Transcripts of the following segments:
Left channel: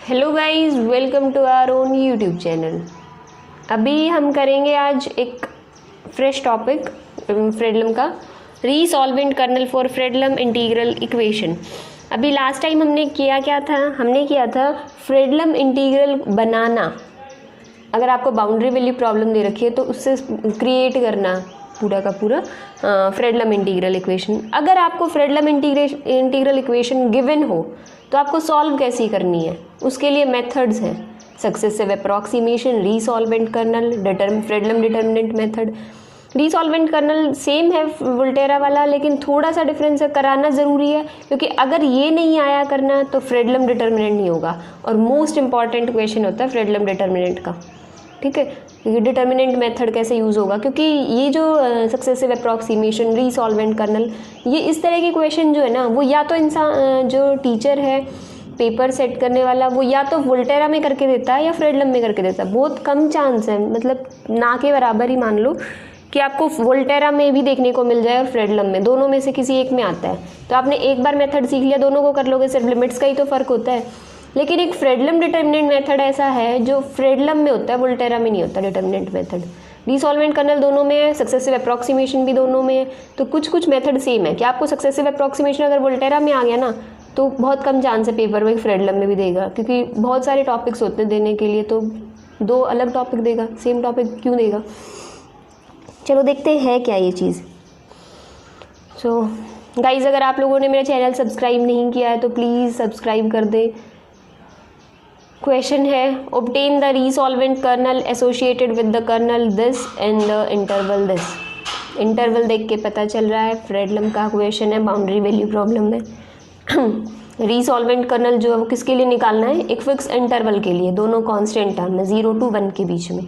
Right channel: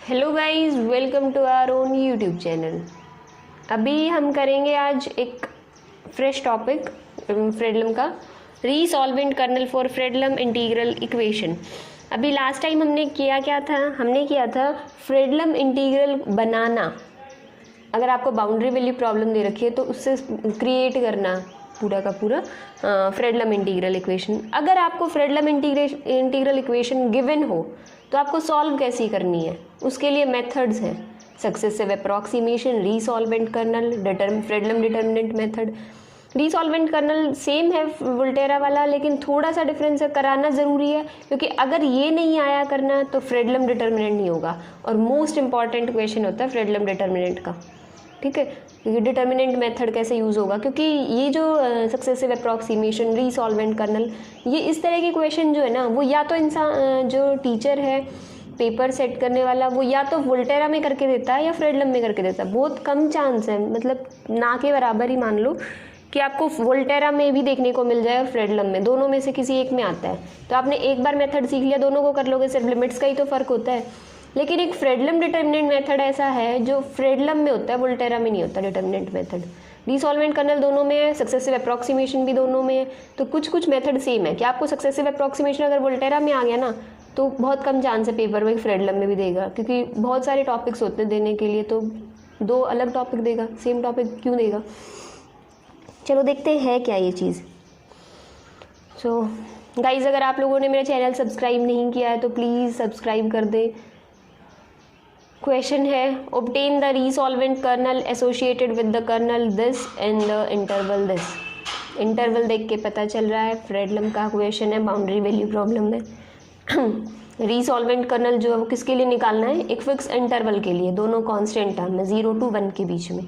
Hello guys, welcome to our own YouTube channel. अभी हम करेंगे आज एक फ्रेश टॉपिक फ्रेडलम का, resolvent kernel for Fredholm integral equation. अभी लास्ट टाइम हमने किया था फ्रेडलम इंटीग्रल बनाना। अगर आपको बाउंड्री वैल्यू प्रॉब्लम दे रखी है तो उससे क्रिएट करना पूरा का पूरा फ्रेडलम इंटीग्रल इक्वेशन। अगर आपको फ्रेडलम इंटीग्रल इक्वेशन गिवन हो तो आपको सॉल्व कैसी करनी है, उसके लिए मेथड्स हैं। Successive approximation, resolvent kernel, Fredholm determinant method. Resolvent kernel same है वोल्टेरा वाला, लेकिन थोड़ा सा डिफरेंस है, कराना ज़रूरी है क्योंकि अगर ये नहीं आया करना तो फ्रेडलम डिटर्मिनेंट नहीं होगा। और मोस्ट इंपॉर्टेंट क्वेश्चन होता है फ्रेडलम डिटर्मिनेंट का, ठीक है। क्योंकि डिटर्मिनेंट मेथड कैसे यूज़ होगा, क्योंकि ये जो सक्सेसिव अप्रॉक्सीमेशन, रीसॉल्वेंट कर्नल, ये इस तरह के क्वेश्चन जो है ना, वो या तो इंसान जो टीचर है पेपर सेट करने वाला, वो या तो वोल्टेरा में करके देता है या फ्रेडलम में करके देता है। बहुत कम चांस है, मतलब ना के बराबर ही मान लो कि आपको वोल्टेरा में भी देखने को मिल जाए और फ्रेडलम में, दोनों में से किसी एक में आता है। तो आपने एक बार मेथड सीख लिया, दोनों को कर लोगे, सिर्फ लिमिट्स का ही तो फ़र्क होता है। लेकिन एक फ्रेडलम डिटर्मिनेंट मेथड ऐसा है जो फ्रेडलम में होता है, वोल्टेरा में नहीं होता डिटर्मिनेंट मेथड। रीसॉल्वेंट कर्नल दोनों में है, सक्सेसिव अप्रॉक्सीमेशन भी दोनों में है। तो कुछ मेथड सेम है कि आपको सक्सेसिव अप्रॉक्सीमेशन अगर वोल्टेरा में आ गया ना तो बहुत कम चांस है पेपर में फ्रेडलम में भी देगा, क्योंकि बहुत सारे टॉपिक्स होते हैं देने के लिए, तो दो अलग टॉपिक देगा, सेम टॉपिक क्यों देगा। चलो देखते हैं क्या ये चीज़। सो गाइज, अगर आप लोगों ने मेरा चैनल सब्सक्राइब नहीं किया है तो प्लीज़ सब्सक्राइब कर दें। क्वेश्चन है, obtain the resolvent kernel associated with the kernel this and the interval this. Interval देख के पता चल रहा है फ्रेडलम का क्वेश्चन है, बाउंड्री वैल्यू प्रॉब्लम में। रीसॉल्वेंट कर्नल जो है वो किसके लिए निकालना है, एक फिक्स इंटरवल के लिए, दोनों कांस्टेंट टर्म में 0 to 1 के बीच में।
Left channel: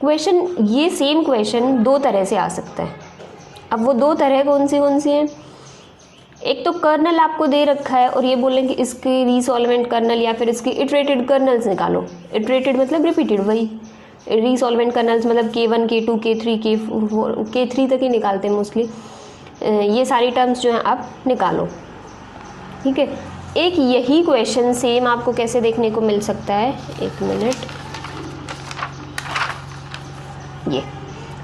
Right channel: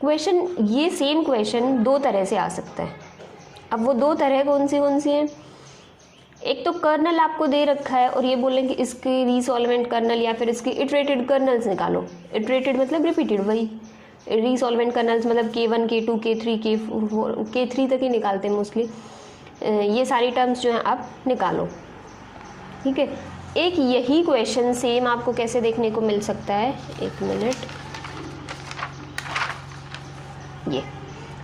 क्वेश्चन, ये सेम क्वेश्चन दो तरह से आ सकता है। अब वो दो तरह कौन सी हैं? एक तो कर्नल आपको दे रखा है और ये बोलें कि इसके रीसॉल्वेंट कर्नल या फिर इसके इटरेटेड कर्नल्स निकालो। इटरेटेड मतलब रिपीटेड, वही रीसॉल्वेंट कर्नल्स मतलब K1, K2, K3, K3 तक ही निकालते हैं मोस्टली। ये सारी टर्म्स जो हैं आप निकालो, ठीक है। एक यही क्वेश्चन सेम आपको कैसे देखने को मिल सकता है, एक मिनट, ये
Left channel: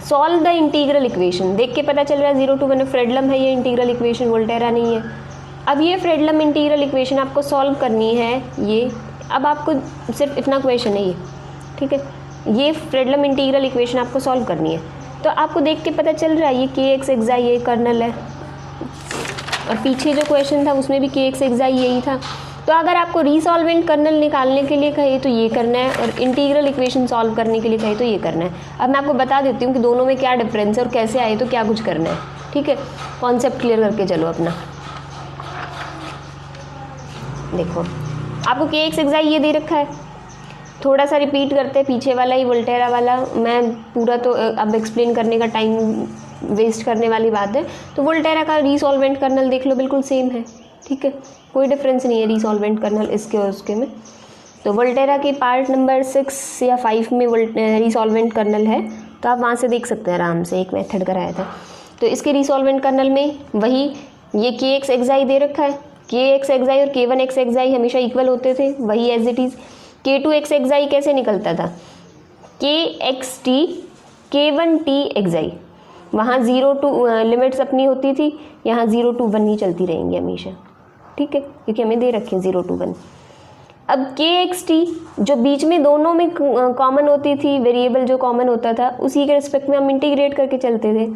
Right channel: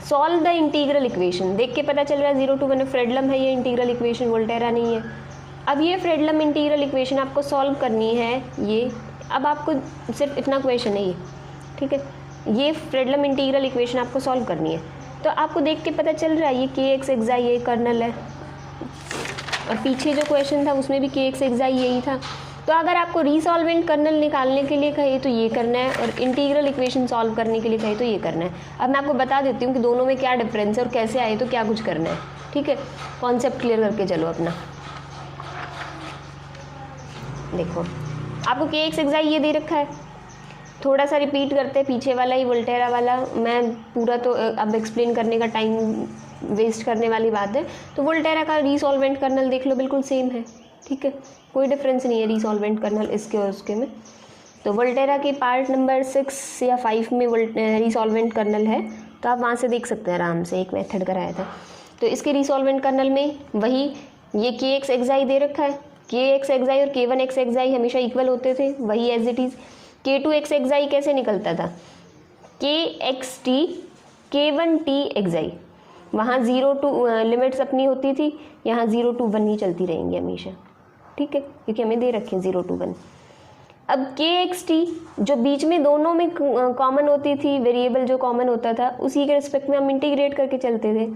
सॉल्व द इंटीग्रल इक्वेशन। देख के पता चल रहा है 0 to 1 फ्रेडलम है ये इंटीग्रल इक्वेशन, वोल्टेरा नहीं है। अब ये फ्रेडलम इंटीग्रल इक्वेशन आपको सॉल्व करनी है। ये अब आपको सिर्फ इतना क्वेश्चन है ये, ठीक है। ये फ्रेडलम इंटीग्रल इक्वेशन आपको सॉल्व करनी है। तो आपको देख के पता चल रहा है ये kx एक्साई ये कर्नल है, और पीछे जो क्वेश्चन था उसमें भी kx एक्साई यही था। तो अगर आपको रीसॉल्वेंट कर्नल निकालने के लिए कहे तो ये करना है, और इंटीग्रल इक्वेशन सॉल्व करने के लिए कहे तो ये करना है। अब मैं आपको बता देती हूँ कि दोनों में क्या डिफरेंस है और कैसे आए तो क्या कुछ करना है, ठीक है। कॉन्सेप्ट क्लियर करके चलो अपना। देखो, आपको kx एक्साई ये दे रखा है, थोड़ा सा रिपीट करते हैं पीछे वाला ही, वोल्टेरा वाला। मैं पूरा तो अब एक्सप्लेन करने का टाइम वेस्ट करने वाली बात है। तो वोल्टेरा का रीसॉल्वेंट कर्नल देख लो, बिल्कुल सेम है, ठीक है, कोई डिफरेंस नहीं है रीसॉल्वेंट कर्नल इसके और उसके में। तो वोल्टेरा के पार्ट नंबर 6 या 5 में रीसॉल्वेंट कर्नल है, तो आप वहाँ से देख सकते हैं आराम से, एक मेथड कराया था। तो इसके रीसॉल्वेंट कर्नल में वही ये kx एक्साई दे रखा है, kx एक्साई और K1x एक्साई हमेशा इक्वल होते थे, वही एज इट इज़। K2x एक्साई कैसे निकलता था, kxt K1t एक्साई, वहाँ 0 to लिमिट्स अपनी होती थी, यहाँ 0 to 1 ही चलती रहेंगी हमेशा, ठीक है, क्योंकि हमें दे रखे 0 to 1। अब kxt जो बीच में दोनों में कॉमन होती थी, वेरिएबल जो कॉमन होता था, उसी के रिस्पेक्ट में हम इंटीग्रेट करके चलते थे।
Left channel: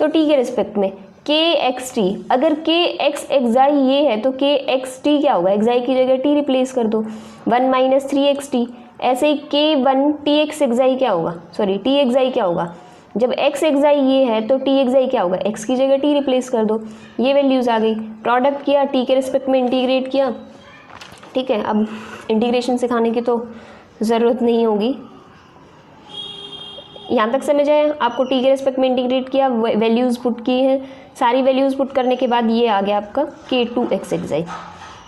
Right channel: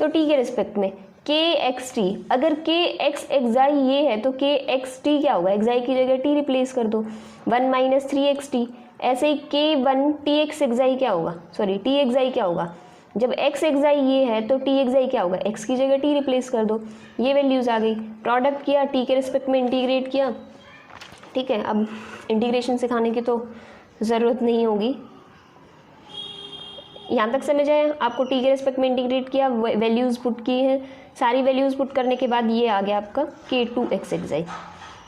तो t के रिस्पेक्ट में kxt, अगर kx एक्साई ये है तो kxt क्या होगा, एक्साई की जगह t रिप्लेस कर दो, 1 - 3xt। ऐसे ही K1tx एक्साई क्या होगा, सॉरी t एक्साई क्या होगा, जब x एक्साई ये है तो t एक्साई क्या होगा, x की जगह t रिप्लेस कर दो, ये वैल्यूज़ आ गई। प्रोडक्ट किया, t के रिस्पेक्ट में इंटीग्रेट किया, ठीक है। अब इंटीग्रेशन सिखाने की तो ज़रूरत नहीं होगी, यहाँ तक समझ आए। आपको t के रिस्पेक्ट में इंटीग्रेट किया, वैल्यूज़ पुट की हैं, सारी वैल्यूज़ पुट करने के बाद ये आ गया आपका K2x एक्साई।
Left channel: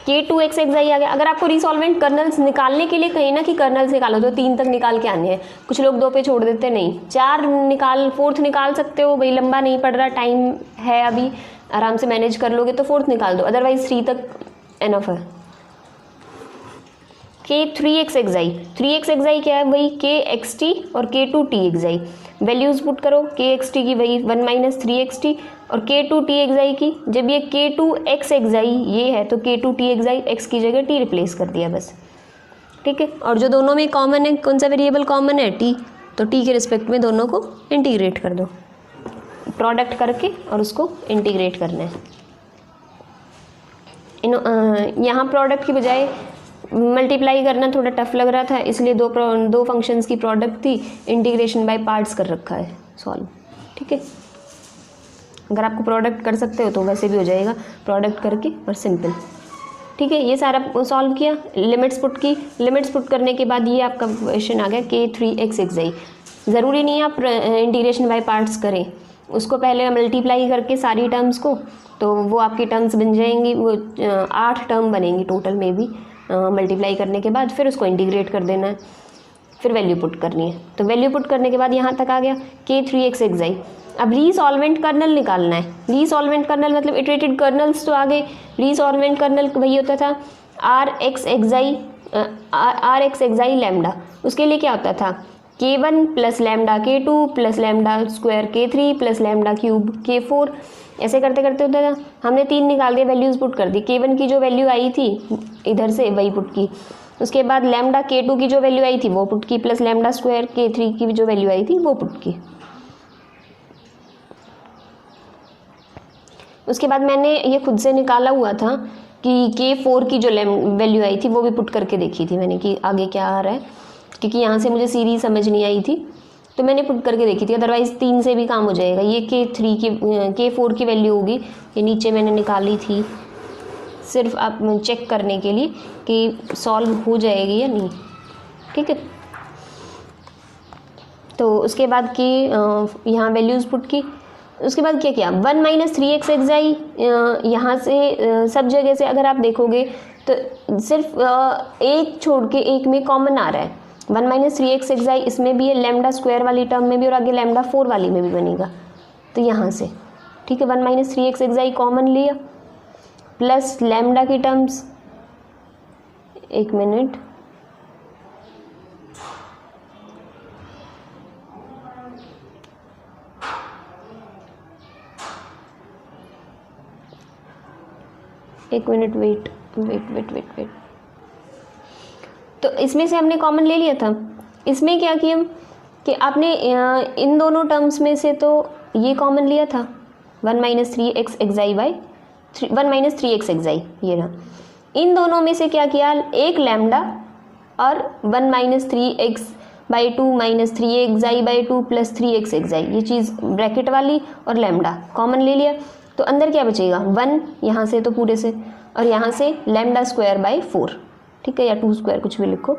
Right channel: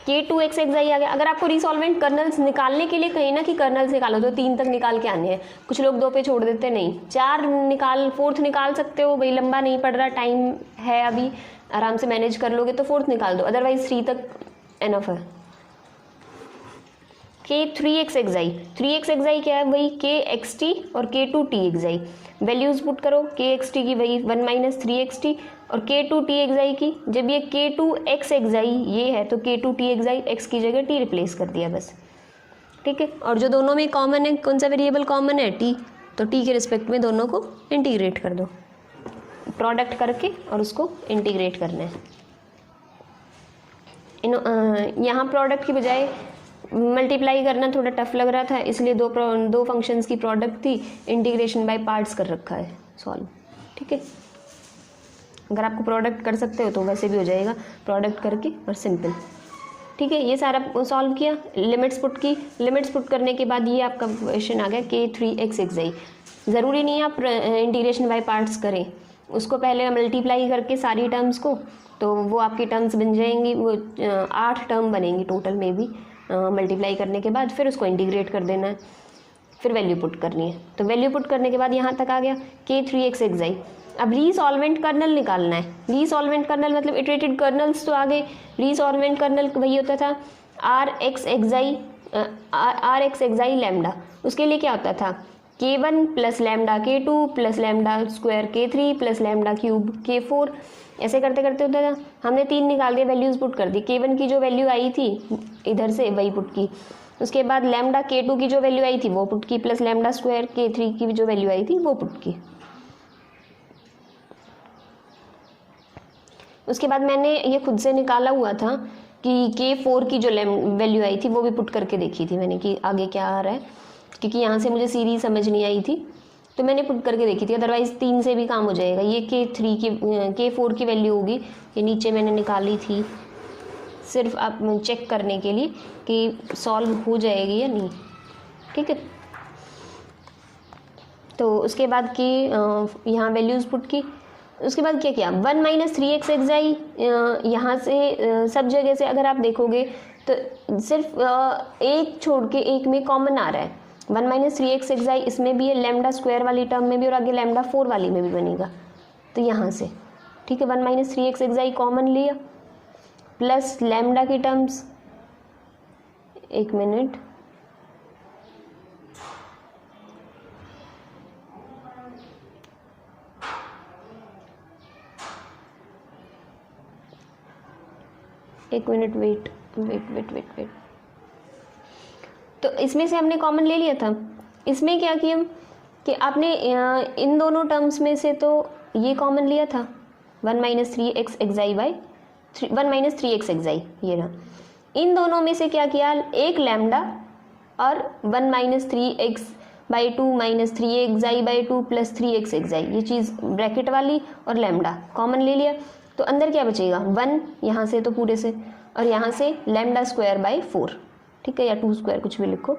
K2x एक्साई आ गया। अगर आपको रीसॉल्वेंट कर्नल्स निकालने के लिए कहीं ना कि कर्नल्स निकालो तो 3 तक निकाल के आने हैं। कुछ लोग 2 पे छोड़ देते, नहीं 4 निकाल, 4th निकाल सकते हो भाई, लंबा नहीं पड़ रहा, टाइम है अभी, आराम से मैनेज कर लोगे तो 4th निकाल दो, अदरवाइज 3 तक एनफ है। K3xi, 3xi क्या है, वही kxt और K2txi। वैल्यूज पुट करो, kxt की वही 1 माइनस 3xt और K2txi की, जब ये K2xxi ये है तो K2txi x की जगह t रिप्लेस कर दिया बस, ठीक है। और जो दोनों में कॉमन है, कौन सा वेरिएबल कॉमन है, t, तो t के रिस्पेक्ट में दोनों को इंटीग्रेट कर दो, प्रोडक्ट करके और उसको इंटीग्रेट करना है। यहाँ प्रोडक्ट की बजाय मल्टीप्लाई करना थोड़ा टफ लग रहा था, इसलिए दो फंक्शंस की प्रोडक्ट थी, इंटीग्रेशन बाय पार्ट्स कर रखा है सॉल्व, ठीक है। अगर आपको प्रोडक्ट कर सकते हो तो वैसे भी हो जाएगा, प्रोडक्ट करके और सिंपल, ठीक है। ये सारा सॉल्व किया, लिमिट्स पुट की, लिमिट्स पुट करने के बाद ये आपका क्वेश्चन आ गया K3xxi। ज़रूरी नहीं है आप इंटीग्रेशन बाय पार्ट्स करें, उसको पहले मल्टीप्लाई करके सारी टर्म्स को, तो वो आपकी टर्म्स बन जाएंगी, वो 8 टर्म बनेंगी टोटल में भी मल्टीप्लाई करने के बाद, फिर उसको इंटीग्रेट कर देना है, फिर वैल्यू पुट करनी है। तो वैल्यू पुट करने के बाद यहाँ तक आ गया K3xxi। अब रीसॉल्वेंट कर्नल निकालना है। रीसॉल्वेंट कर्नल मतलब इटरेटेड कर्नल्स तो आ गए, रीसॉल्वेंट कर्नल वही होता था Rxxi लैम्डा, उसके लिए क्या होता था K1 plus lambda K2 plus lambda square K3 plus lambda cube K4, ऐसे करते करते होता था। हमने 3 निकाल दिए, वैल्यूज़ पुट कर दी, K1 की जो वैल्यू आई थी इधर से वही पुट की, उसके बाद लैम्डा K2 की जो वैल्यू आई थी वो पुट की, प्लस लैम्डा स्क्वायर K3 की जो वैल्यू आई थी वो पुट की। उसके बाद मैंने ये खुद से निकाला हुआ था कि K4 की जो वैल्यू आई थी वो भी पुट करके देखी थी मैंने कि आगे क्या आ रहा है, क्योंकि यहाँ से मुझे सीरीज समझ नहीं आई थी तो मैंने पुट करके देखी थी, अदरवाइज़ 3 से भी काम हो जाएगा। ये K4 की वैल्यू होगी, ये नीचे मैंने निकाली थी सिर्फ आप चेक करने के लिए कि सॉल्व हो जाएगी या नहीं, ठीक है। तो उसके बाद की यहाँ वैल्यूज़ पुट की, उसके बाद क्या किया 1 माइनस 3xxi, यहाँ से सब जगह से अगर आप देखोगे तो सिर्फ एक छोड़ के एक में कॉमन आ रहा है। 1 माइनस 3xxi इसमें भी है, लैम्डा स्क्वायर वाली टर्म में भी और आगे लैम्डा 4 वाली में भी बनेगा, तो यहाँ से ठीक है 1 माइनस 3xxi कॉमन लिया, प्लस लैम्डा की टर्म्स, एक मिनट, वेट। तो इसमें से हमने कॉमन ले लिया था। इसमें क्या किया कि आपने इन दोनों टर्म्स में से तो ये कॉमन लिया था 1 minus 3xxi by 1 minus 3xxi, ये रहा। इन दोनों में से क्या किया, एक लैम्डा और 1 minus 3x by 2 minus 3xi by 2 plus 3xxi, ये चीज़ ब्रैकेट वाली और लैम्डा कॉमन ले लिया, तो अंदर क्या बचेगा 1 यहाँ से तो पूरे से, और यहाँ से लैम्डा स्क्वायर बाई 4, ठीक है, या 2 स्क्वायर कुछ भी लिखो।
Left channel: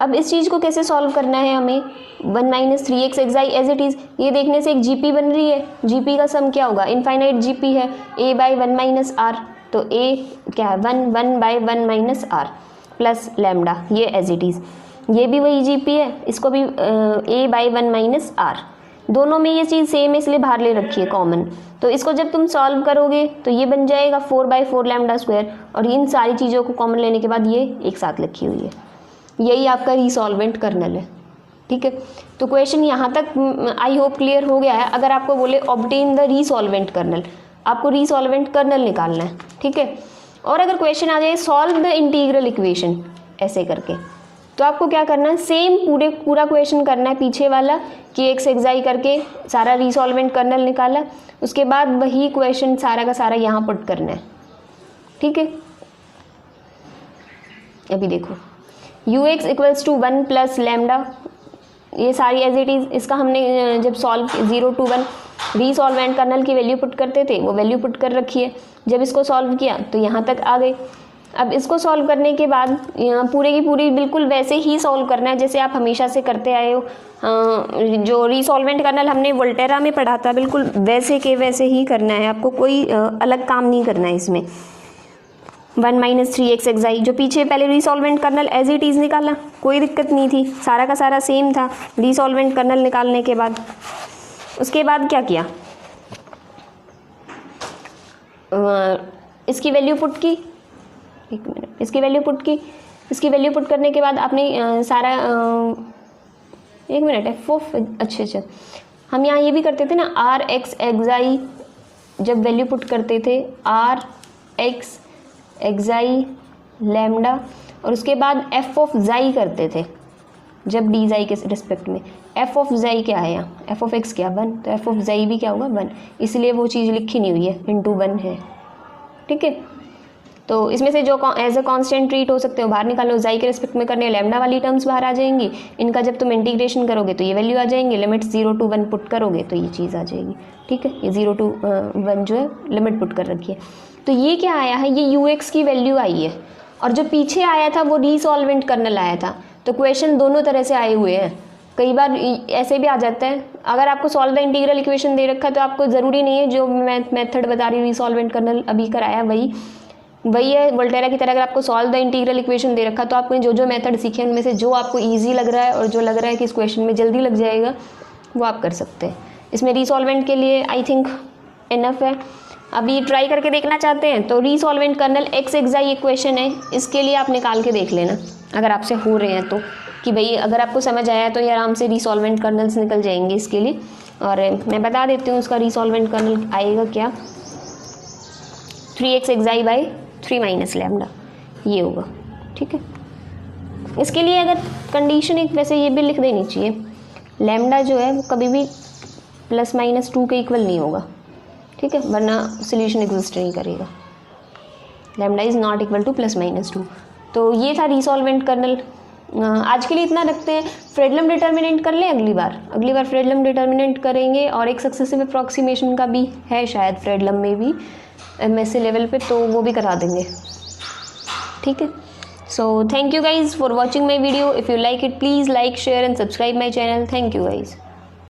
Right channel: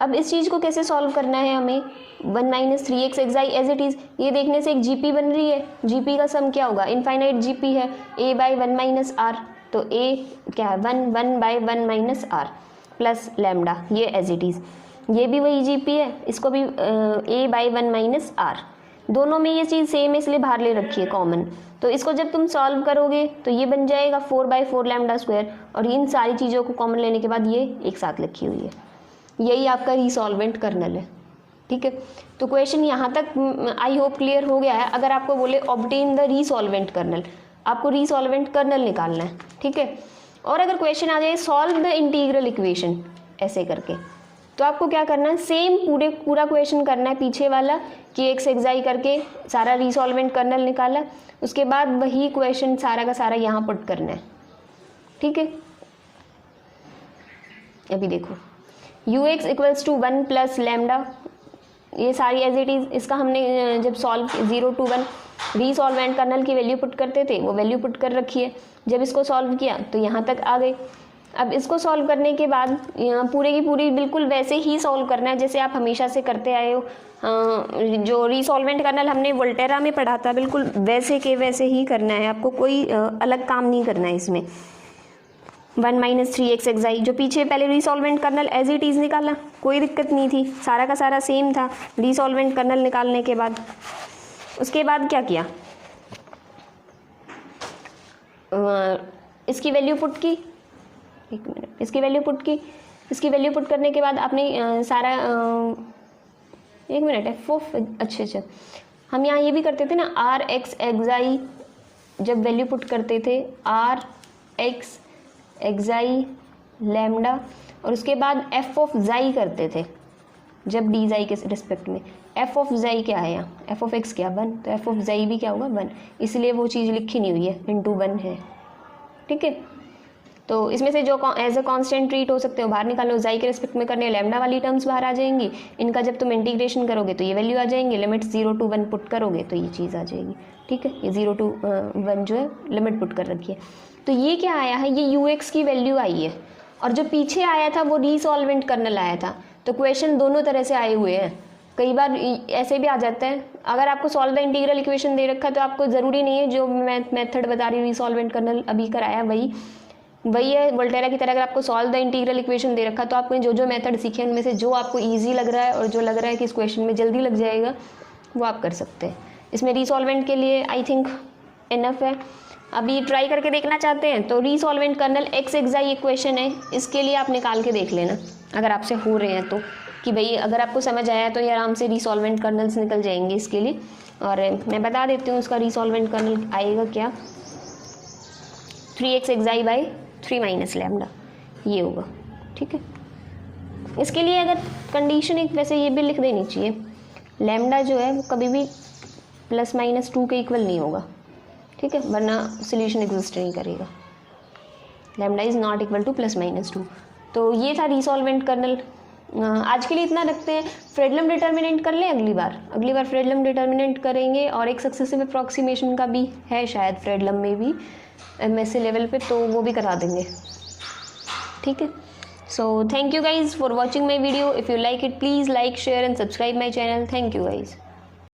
अब इस चीज़ को कैसे सॉल्व करना है हमें, 1 minus 3xxi as it is, ये देखने से एक जीपी बन रही है, जीपी का सम क्या होगा, इनफाइनाइट जीपी है, a बाई 1 माइनस आर, तो a क्या है 1 by 1 minus R plus lambda, ये एज इट इज़, ये भी वही जीपी है, इसको भी a बाई 1 माइनस आर, दोनों में ये चीज़ सेम है इसलिए बाहर ले रखी है कॉमन। तो इसको जब तुम सॉल्व करोगे तो ये बन जाएगा 4 बाई 4 लैम्डा स्क्वायर, और इन सारी चीज़ों को कॉमन लेने के बाद ये एक साथ लिखी हुई है, यही आपका रीसॉल्वेंट कर्नल है, ठीक है। तो क्वेश्चन यहाँ तक आई होप क्लियर हो गया है। अगर आपको बोले ऑब्टेन द रीसॉल्वेंट कर्नल, आपको रीसॉल्वेंट कर्नल निकालना है, ठीक है। और अगर क्वेश्चन आ जाए सॉल्व द इंटीग्रल इक्वेशन ऐसे करके, तो आपको क्या करना है, सेम पूरा क्वेश्चन करना है पीछे वाला Kxxi करके सारा रीसॉल्वेंट कर्नल निकाला, उसके बाद वही क्वेश्चन सारा का सारा यहाँ पुट करना है, ठीक है। अभी देखो ux equals to 1 plus lambda, ये सारी एज इट इज़, इसका हमने जब सॉल्व 0 to 1 रीसॉल्वेंट कर्नल की वैल्यू पुट करते थे वो वैल्यू पुट कर रखी है, जब इसको सॉल्व किया तो यहाँ तक आ गई। अब इसको सॉल्व करने के बाद पूरे की पूरी बिल्कुल वैसे ही सॉल्व करना है जैसे आप हमेशा से करते आए हो, जो रीसॉल्वेंट कर्नल हमने वोल्टेरा में पढ़ा था बिल्कुल वैसे के वैसे ही करना है, आपको कोई अलग काम नहीं करना है इसमें। 1 माइनस 3xxi जो पीछे पहले रीसॉल्वेंट कर्नल एज इट इज़ निकाला, कोई दिक्कत नहीं थी, सारा का सारा सेम था रीसॉल्वेंट कर्नल निकालने के बाद। उसके बाद क्या किया, इसकी वैल्यू पुट की, एक मिनट, इसकी वैल्यू पुट की, इसकी वैल्यू पुट करने के बाद आपने सारा एक मिनट एफ ऑफ, अच्छा हम यहाँ ये भी करते थे ना, आर एक्स एक्साई, जब वैल्यू पुट करते थे आर एक्स एक्साई लैम्डा, और उसके बाद एफ ऑफ जाई करते थे जब डी जाई के रिस्पेक्ट में। एफ ऑफ जाई क्या है यहाँ, एफ ऑफ एक्स क्या 1, तो एफ ऑफ जाई भी क्या होगा 1, इसलिए वो चीज़ लिखी नहीं हुई है, इंटू 1 है, ठीक है। तो इसमें से जो एज अ कांस्टेंट ट्रीट हो सकते हो बाहर निकालो, जाई के रिस्पेक्ट में करने लैम्डा वाली टर्म्स बाहर आ जाएंगी, इनका जब तुम इंटीग्रेशन करोगे तो ये वैल्यू आ जाएंगी, लिमिट 0 to 1 पुट करोगे तो ये चीज़ आ जाएगी, ठीक है। ये 0 to 1 जो है लिमिट पुट कर रखी है। तो ये क्या आया है, ये यू एक्स की वैल्यू आई है, और जो पीछे आया था वो रीसॉल्वेंट कर्नल आया था। तो क्वेश्चन दोनों तरह से आए हुए हैं, कई बार ऐसे भी आ जाता है, अगर आपको सॉल्व द इंटीग्रल इक्वेशन दे रखा है तो आपको ज़रूरी नहीं है जो मैं मेथड बता रही हूँ रीसॉल्वेंट कर्नल अभी कराया वही है वोल्टेरा की तरह। अगर आपको सॉल्व द इंटीग्रल इक्वेशन दे रखा तो आपको जो मेथड सीखे उनमें से जो आपको ईजी लग रहा है और जो लग रहा है कि इस क्वेश्चन में जल्दी लग जाएगा वो आप कर सकते हैं। इसमें रीसॉल्वेंट के लिए आई थिंक इनफ है। अभी ट्राई करके देखना चाहते हैं तो रीसॉल्वेंट कर्नल एक्स एक्साई इक्वेशन है, इसके लिए आप निकाल के देख लेना अगर आपसे हो रहे हैं तो, कि भाई अगर आपको समझ आया तो ये आराम से रीसॉल्वेंट कर्नल्स निकल जाएंगे इसके लिए। और मैं बता देती हूँ उसका रीसॉल्वेंट कर्नल आएगा क्या, 3x एक्साई बाई 3 माइनस लैम्डा, ये होगा, ठीक है। इसके लिए अगर कंडीशन एक वैसे ये भी लिख देनी चाहिए, लैम्डा जो है वो कभी भी ±2 के इक्वल नहीं होगा, ठीक है, वरना सोल्यूशन एग्जिस्ट नहीं करेगा। Lambda is not equal to ±2। तो ये था रीसॉल्वेंट कर्नल। आज के लिए इतना रखते हैं। फ्रेडलम डिटर्मिनेंट कर लें अगली बार फ्रेडलम डिटर्मिनेंट करेंगे, और एक सक्सेसिव अप्रॉक्सीमेशन का भी है शायद फ्रेडलम में भी MSc लेवल पे, तो वो भी करा देंगे, ठीक है। So thank you guys for watching my video. If you like it please like share and subscribe my channel. Thank you guys.